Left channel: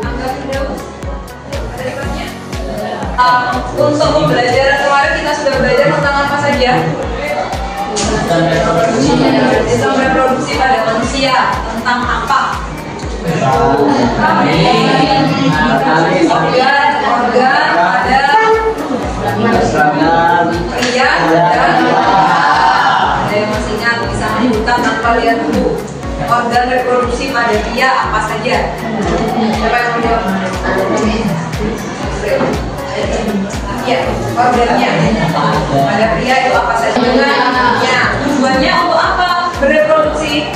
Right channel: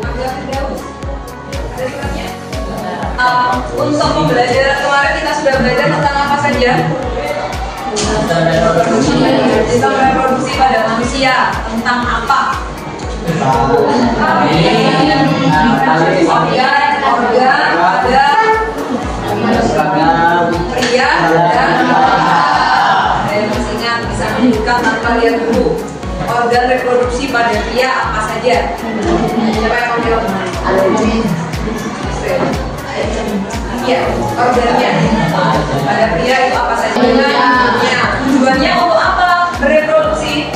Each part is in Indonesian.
Angga Firdaus. Ada limatnya? Untuk pembelajaran kemarin kita sudah belajar tentang apa saja? Tentang reproduksi pada manusia. Tentang apa? Organ pada pria dan ada yang masih ingat bisa menyebutkan tanpa lihat dulu. Organ reproduksi pada pria apa saja? Siapa yang mau jawab? Iya, organnya pada pria itu apa saja? Tujuannya untuk apa? Bereproduksi.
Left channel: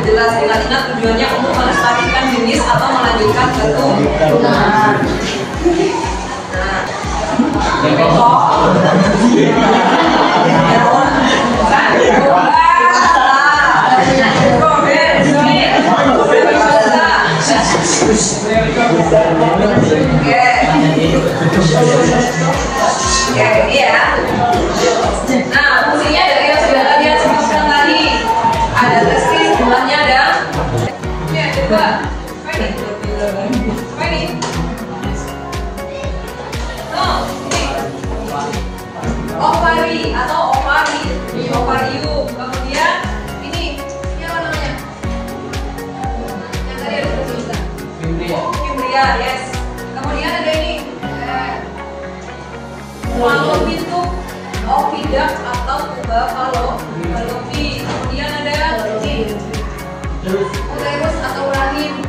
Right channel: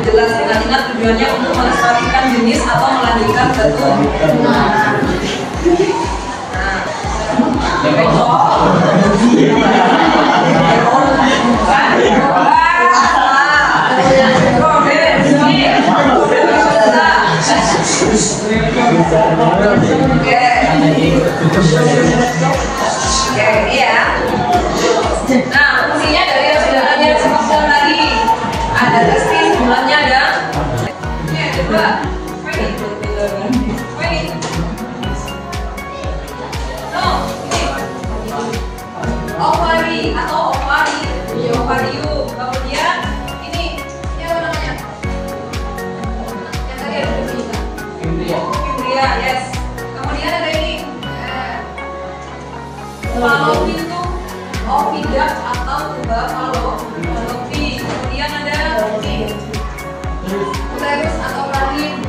Jelas, ingat tujuannya untuk melestarikan jenis atau melanjutkan suatu. Oke, ini ya. Nah, fungsinya dari hasil yang disebutkan tadi ada testis, bulannya ada. Oke, coba. Ini. No, ini. Ovari atau ovari, di ovarium. Kemudian ini apa namanya? Yang tadi ada tulisan. Fimbria, yes. Kemudian ada ini. Fallopi itu oviduct atau tuba fallopi. Kemudian ada uterus atau rahim.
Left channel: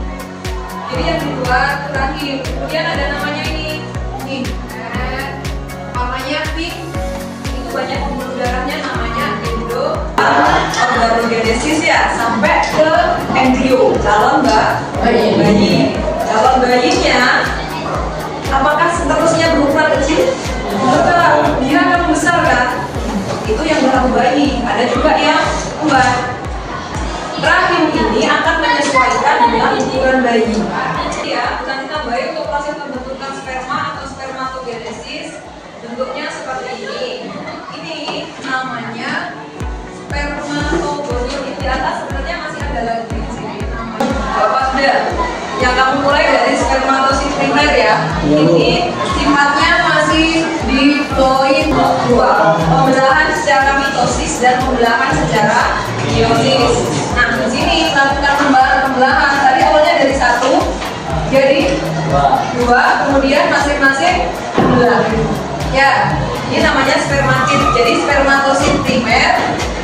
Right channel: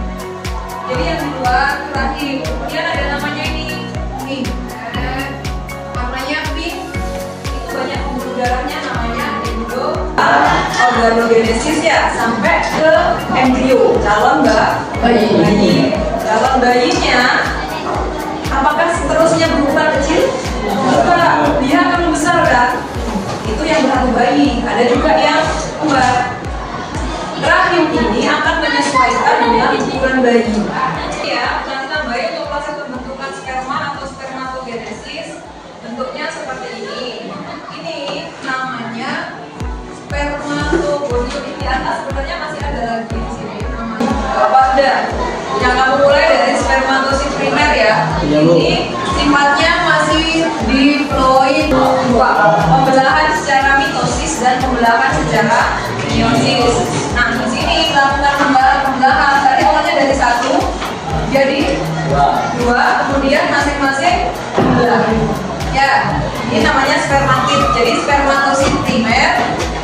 Jadi yang di luar itu rahim. Kemudian ada namanya ini. Warnanya pink. Itu banyak pembuluh darahnya namanya embrio. Organogenesis ya sampai ke embrio calon bayi. Calon bayinya apakah seterusnya berukuran kecil? Setelah dia akan membesar kan? Itu yang berlaku bayi. Ada juga yang kembar. Rahim ini akan menyesuaikan dengan ukuran bayi. Ya, nanti tambahin untuk proses pembentukan sperma atau spermatogenesis. Bentuknya seperti ini. Ini namanya spermatogonio. Di atas sebenarnya masih ada lagi di sini namanya. Bapak sudah. Yang kamu mulai dari spermatosit primer ya. Ini sifatnya masih diploid dua. Pembelahan secara mitosis dan pembelahan secara meiosis. Nah, di sini melakukan pembelahan. Tadi awalnya dari satu jadi dua, kemudian masing-masing membelah. Ya, ini namanya spermatid. Jadi spermatosit primer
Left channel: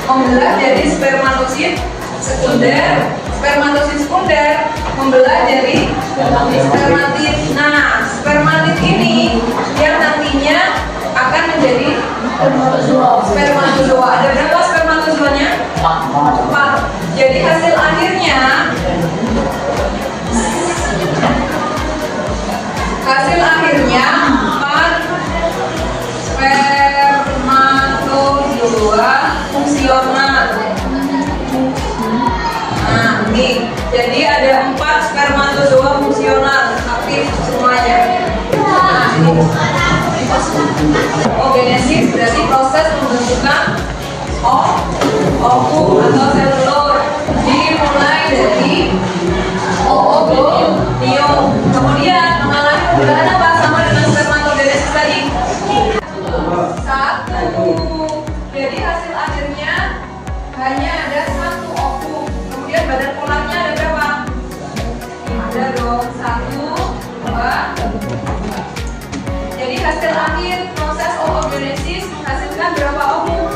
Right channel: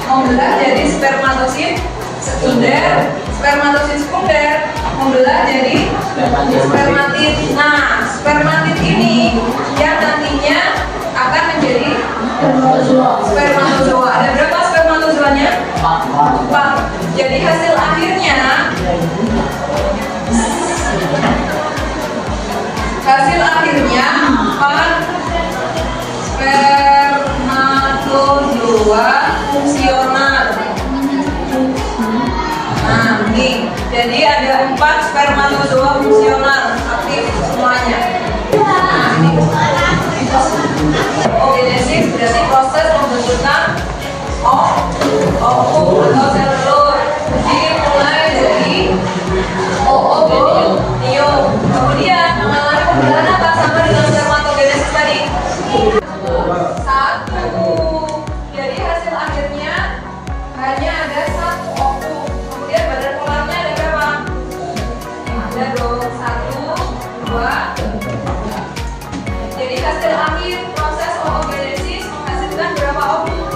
membelah jadi spermatosit sekunder. Spermatosit sekunder membelah jadi spermatid. Nah, spermatid ini yang nantinya akan menjadi spermatozoa. Ada berapa spermatozoanya? 4. Jadi hasil akhirnya Jadi ada 4 spermatozoa fungsional aktif semuanya. Nah, ini oogenesis berarti proses pembentukan ovum atau sel telur. Dimulai dari oogonium. Kemudian mengalami pembelahan apa sama dengan spermatogenesis tadi? 1. Jadi hasil akhirnya hanya ada 1 ovum. Kemudian badan polarnya ada berapa? Ada dong 1, 2. Jadi hasil akhir proses oogenesis menghasilkan berapa ovum?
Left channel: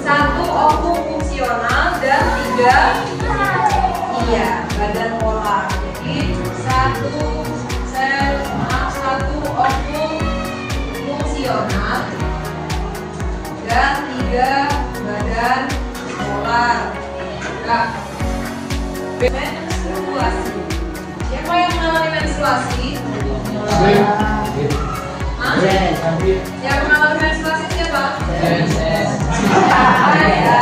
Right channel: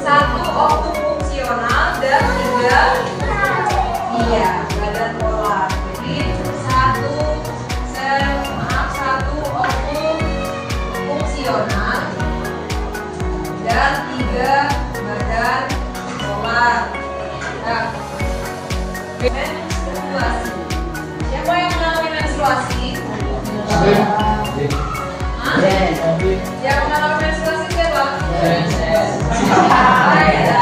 1 ovum fungsional dan 3 badan polar. Jadi 1 ovum fungsional dan 3 badan polar. Nah, menstruasi. Siapa yang mengalami menstruasi? Yang mengalami menstruasi siapa? Wanita,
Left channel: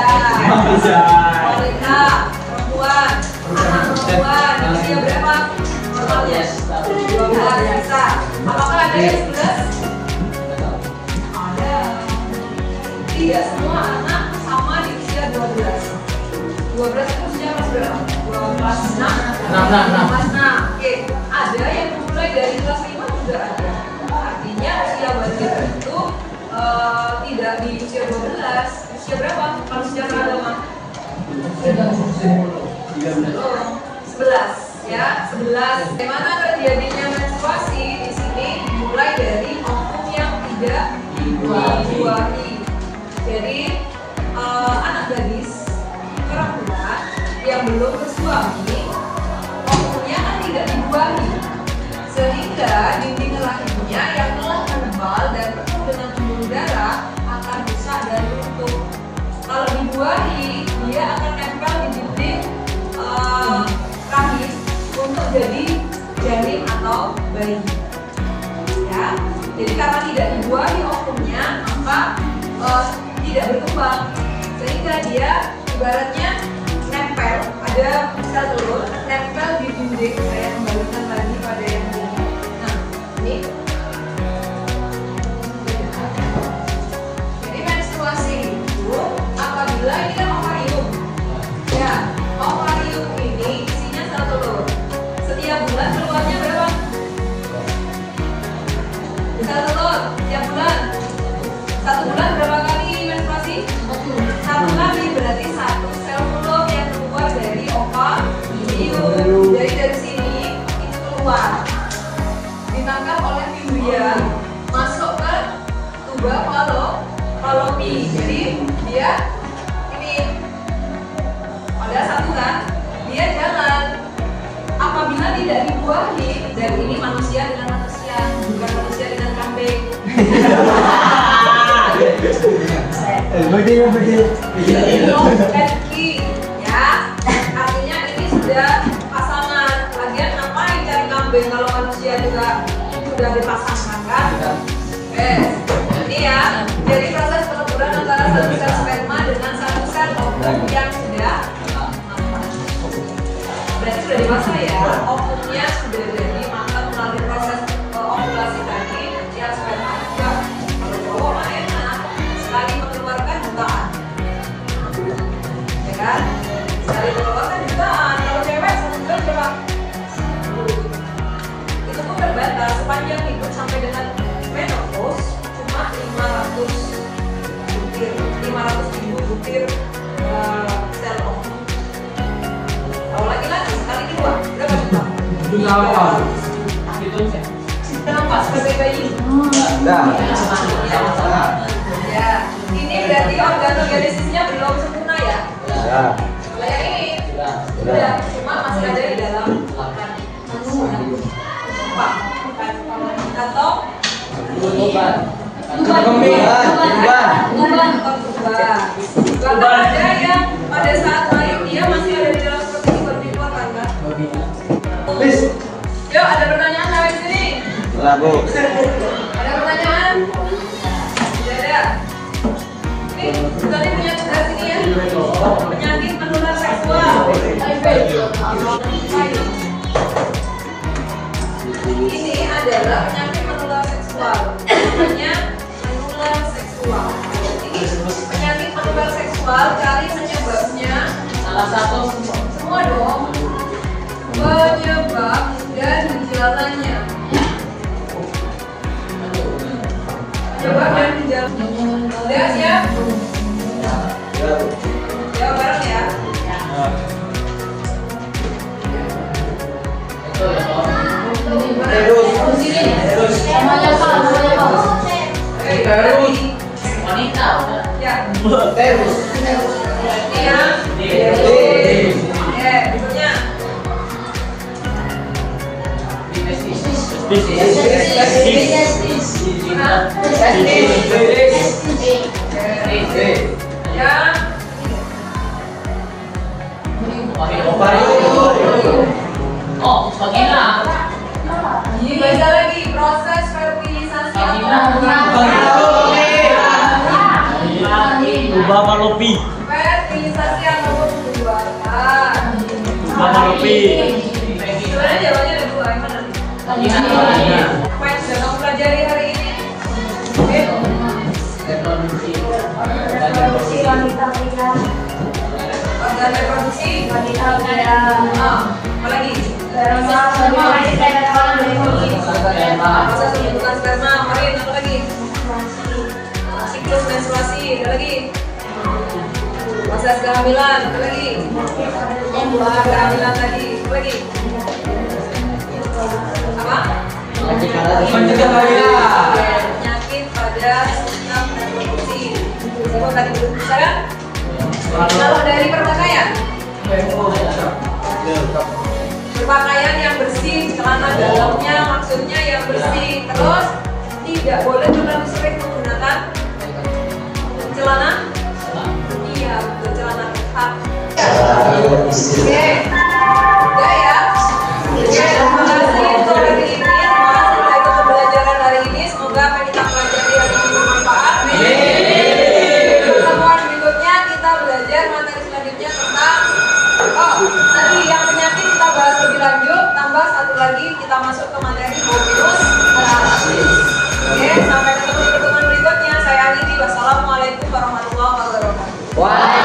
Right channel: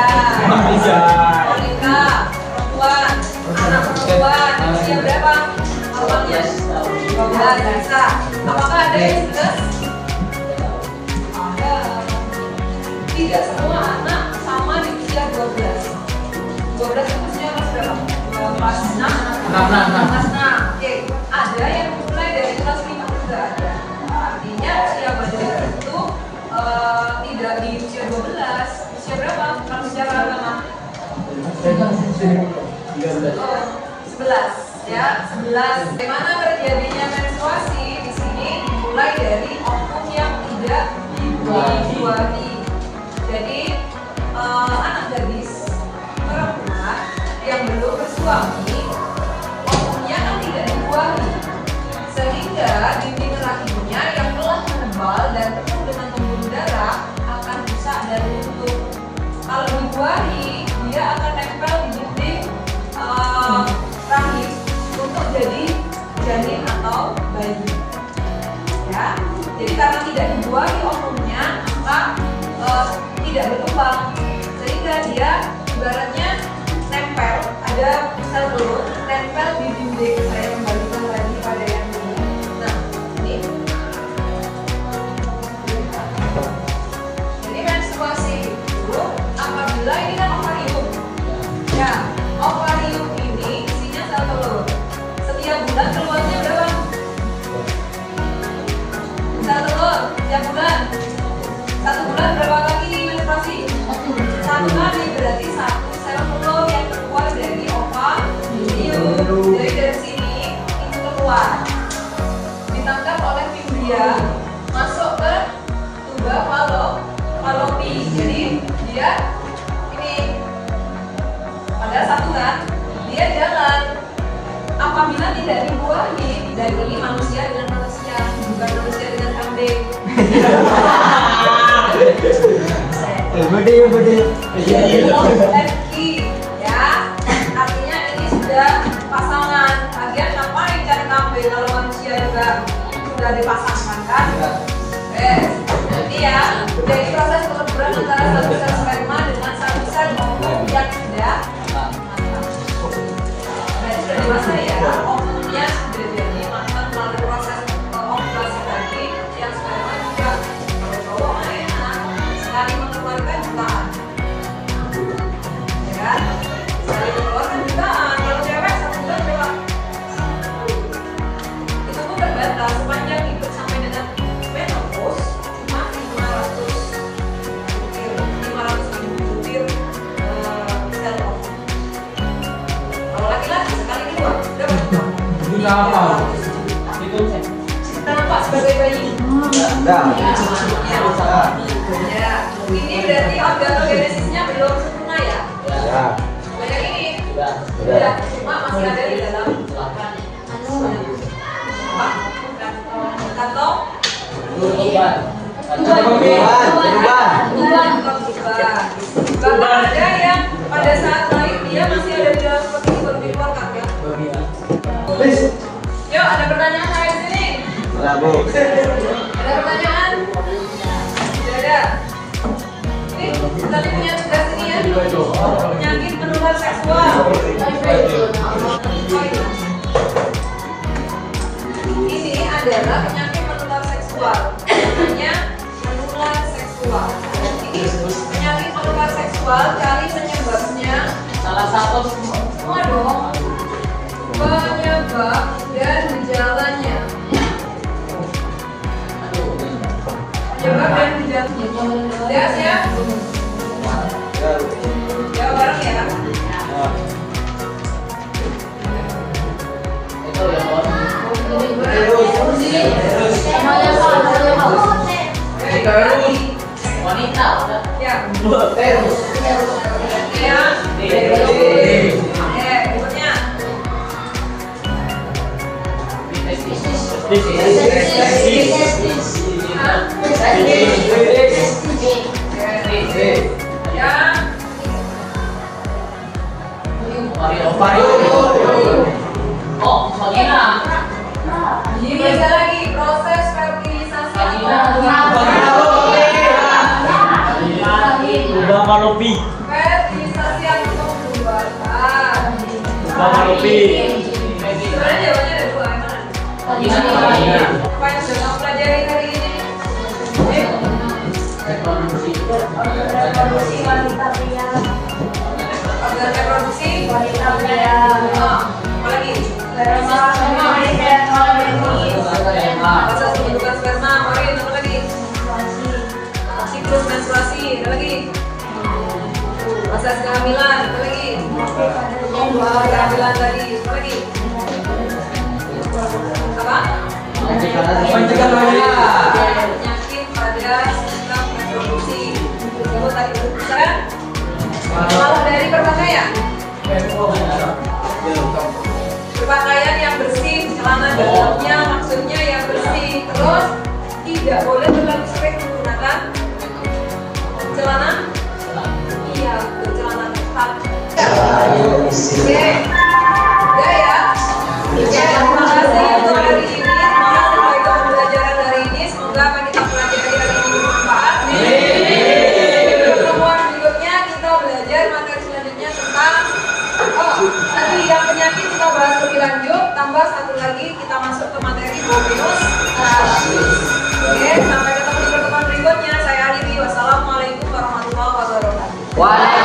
perempuan, anak perempuan, usia berapa? Normalnya 12 bisa. Apakah ada yang 11? Ada. Tidak semua anak sama di usia 12. 12 itu kelas 6. Kelas 6. Oke, ada yang mulai dari kelas 5 juga ada. Artinya usia balik itu tidak di usia 12. Usia berapa? Kalau secara agama? 11 ya, 11. Bagaimana terjadinya menstruasi di sini dimulai dari oknum yang tidak dibuahi. Jadi anak gadis perempuan yang belum bersuami oknumnya kan tidak dibuahi, sehingga dinding rahimnya yang telah menebal dan penuh dengan pembuluh darah akan rusak dan runtuh. Kalau dibuahi, dia akan nempel di dinding rahim untuk jadi janin atau bayi. Ya, jadi karena tidak dibuahi oknumnya, maka tidak berkembang, sehingga dia ibaratnya nempel, ada sel telur nempel di dinding. Saya kembalikan lagi pada yang ini. Nah, ini. Jadi menstruasi itu apabila ini kan ovarium. Ya, ovarium ini isinya sel telur. Setiap bulan keluarnya berapa? Sel telur setiap bulan. 1 bulan berapa kali menstruasi? 1 kali, berarti 1 sel telur yang keluar dari ovarium. Jadi dari sini itu keluar, ditangkap oleh fimbria, masuk ke tuba Fallopi. Jadi dia ini padahal 1 kan, dia jalan. Apabila tidak dibuahi, dan ini manusia dengan manusia, bukan manusia dengan kambing. Ya, artinya ini sudah pasangan. Lagian ngapain cari kambing kalau manusia juga sudah dipasangkan kan? Jadi ya, jadi proses peleburan antara satu sel sperma dengan satu sel ovum yang sudah matang. Berarti sudah dewasa ya, ovumnya sudah jadi matang melalui proses ovulasi tadi. Yang sperma juga cowok mah enak sekali mengeluarkan jutaan, ya kan? Sekali mengeluarkan jutaan. Kalau cewek 1 bulan berapa? Itu pun terbatas. Sepanjang hidup sampai dengan menopause cuma 500 ribu butir sel ovum. Kalau laki-laki sekali 2 berapa juta? Itu Kita nampak sebagai bayi. Ya, ini berarti organogenesisnya belum sempurna ya. Kayak ini, udah, cuma masih ada di dalam kantong tuban. Bahkan ada yang pada saat lahir dia masih ada di dalam protein baru dikeluarkan kan? Yuk, ada pertanyaan hari sini? Bu. Ada pertanyaan? Tidak ada. Ini tadi punya tugas ini ya. Penyakit menular seksual. Ini adalah penyakit menular seksual. Namanya menular seksual. Ini penyakit menular seksual. Cari penyebabnya. Salah satu Semua dong. Penyebab dan gejalanya. Penyebab dan gejalanya. Udah siap? Jawab bareng ya. itu ya Bang. Wanita udah. Ya. Terus. Ya. Berikutnya. Ya. Oh, vagina. Baca lagi proses fertilisasi Tuba Fallopi. fertilisasi atau pembuatan. Tuba Fallopi. Sebenarnya jawabannya ada 2, yang mana? Vagina. Apa yang sudah kamu pelajari hari ini? Reproduksi. Organ reproduksi wanita pria. Apa lagi? Proses Proses pembentukan sperma. Marin, apa lagi? Siklus menstruasi. Apa lagi? Proses kehamilan. Apa lagi? Kehamilan tadi. Apa lagi? Apa? Pencegah kehamilan. Penyakit pada sistem reproduksi. Itu tadi sekarang kalau dari berpakaian yang bersih, celana dalamnya maksudnya yang bersih. Terus tidak boleh terlalu sering menggunakan celana. Iya, betul, celana ketat. Oke, udah ya. Terima kasih untuk hari ini. Terima kasih telah ikut pembelajaran hari ini. Semoga apa yang kita pelajari hari ini bermanfaat. Pertemuan berikutnya kita belajar materi selanjutnya tentang tadi yang penyakit kita bahas lebih lanjut. Tambah satu lagi kita masuk ke materi bobinus rasis. Oke, sampai ketemu di pertemuan berikutnya. Saya Alidi. Wassalamualaikum warahmatullahi wabarakatuh.